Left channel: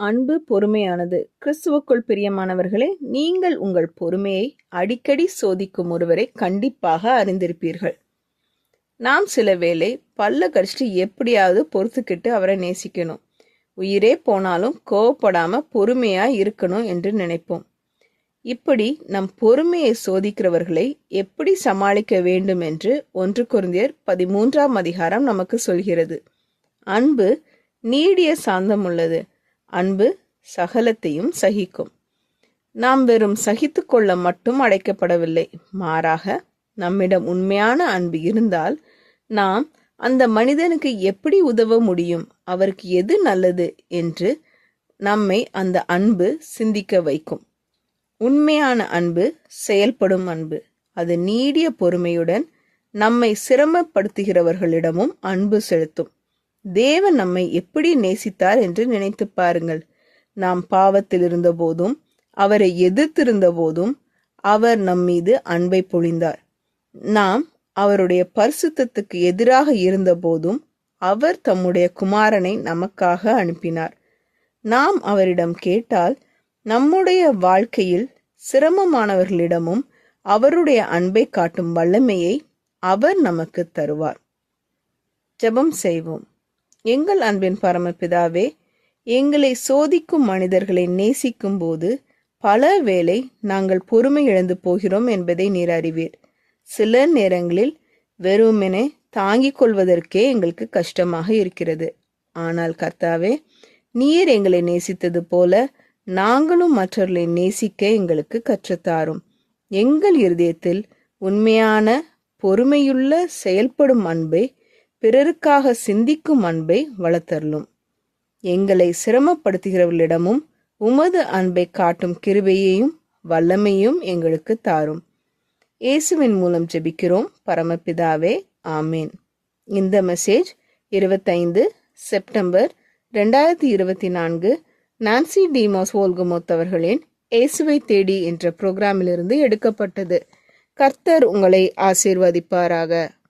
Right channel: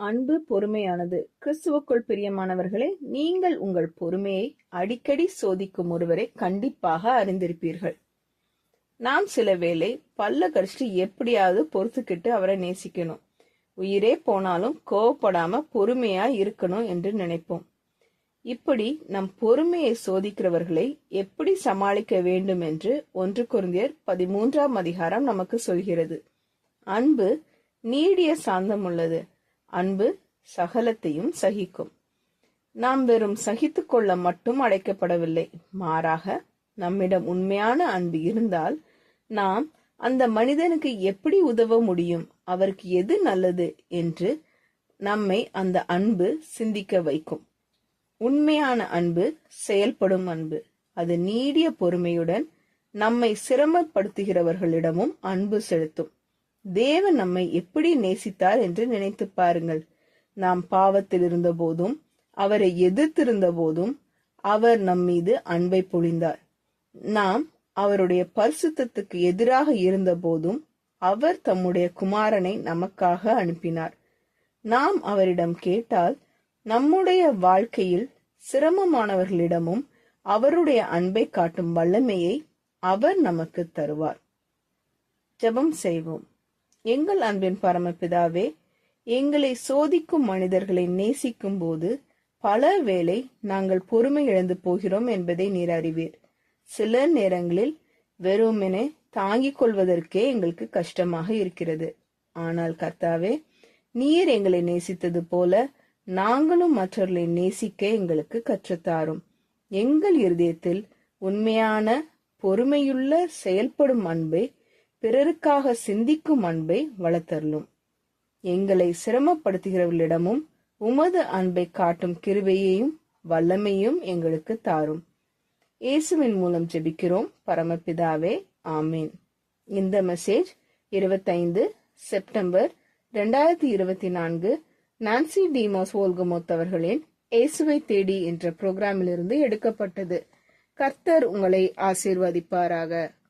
அன்பு பொறுமையானது. கிறிஸ்துவுக்குள் பிரியமானவர்களே, நீங்கள் உங்கள் பொறுமையை அடிக்கடி சோதிக்கும் ஒருவரை கண்டிப்பாக அறிந்திருப்பீர்கள். நாம் சில வேளை பல்ல கடிச்சிட்டு எப்படியாவது பொறுத்துக்கிட்டு அவரை நேசிக்கணும், உயிரே போனாலும் கோவப்படாம பொறுமையா இருக்கணும் என்று நினைப்போம். இப்படி நம் பொறுமையை சோதிக்கிறவர்களை எப்படி சமாளிக்க வேண்டும் என்று 1 கொரிந்தியர் 13ஆம் அதிகாரம் நமக்கு சொல்கிறது. அன்பு நீடிய சாந்தம் உள்ளது. அன்பு சகலத்தையும் சகிக்கும். நாம் வெறும் சகித்து கொள்ள மட்டும் அழைக்கப்படவில்லை. மாறாக நம்மிடம் உண்மையான அன்பு இருந்தால் நாம் அந்த மனிதனுக்கு எப்படி உதவ முடியும், அவருக்கு எது நல்லது என்று நம்மை அந்த அன்பு சிந்திக்க வைக்கும். உண்மையான அன்பு செயல்படும் அன்பு. அது நீடிய பொறுமையுடன் நம்மை சிரமப்படுத்துகிறவர்களிடமும் அன்பு செலுத்தும். தேவன் நம்மை எப்படி நேசித்தார் என்று நினைத்து பாருங்கள். நாம் பாவத்தில் இருந்த போதும் அவரை எதிர்த்திருந்த போதும் அவர் நம் மீது அன்பை பொழிந்தார். நாம் அவருடைய பரிசுத்தத்துக்கு எதிராக இருந்த போதும் அவர் தம்முடைய குமாரனை நமக்காக அனுப்பினார். நாம் அவரிடம் கேட்டால் நம்முடைய வாழ்க்கையில் சிரமமானவர்களிடமும் அவருடைய அன்பை காட்டும் வல்லமையை அவர் நமக்கு தருவார். ஜெபம் செய்வோம். எங்கள் அன்பின் பரமபிதாவே, எங்களை சோதிக்கும் மனிதர்களை நேசிக்கும் போது பல வேளை நாங்கள் பொறுமை இழந்து போகிறோம் என்பதை நீர் அறிவீர். சில நேரங்களில் வெறுமெனே தாங்கிக் கொள்வதற்கே எங்களுக்கு கஷ்டமாக இருக்கிறது. ஆனால் கர்த்தாவே, நீர் எங்களை நேசித்தது போல நாங்களும் மற்றவர்களை நேசிக்க எங்களுக்கு கற்றுத்தாரும். எங்கள் இருதயத்தில் உண்மையான பொறுமையுள்ள செயல்படும் அன்பை, பிறருக்காக சிந்திக்கும் அன்பை வளர்த்தருளும். எங்களை சிரமப்படுத்துகிறவர்களிடமும் உமது அன்பை காட்டும் கிருபையையும் வல்லமையும் எங்களுக்கு தாரும். இயேசுவின் மூலம் ஜெபிக்கிறோம் பரமபிதாவே, ஆமேன். இந்த மெசேஜ் 25 செப்டம்பர் 2024 நான்சி டிமோஸ் வோல்கமோத் அவர்களின் இயேசுவை தேடி என்ற புரோகிராமிலிருந்து எடுக்கப்பட்டது. கர்த்தர் உங்களை ஆசீர்வதிப்பாராக.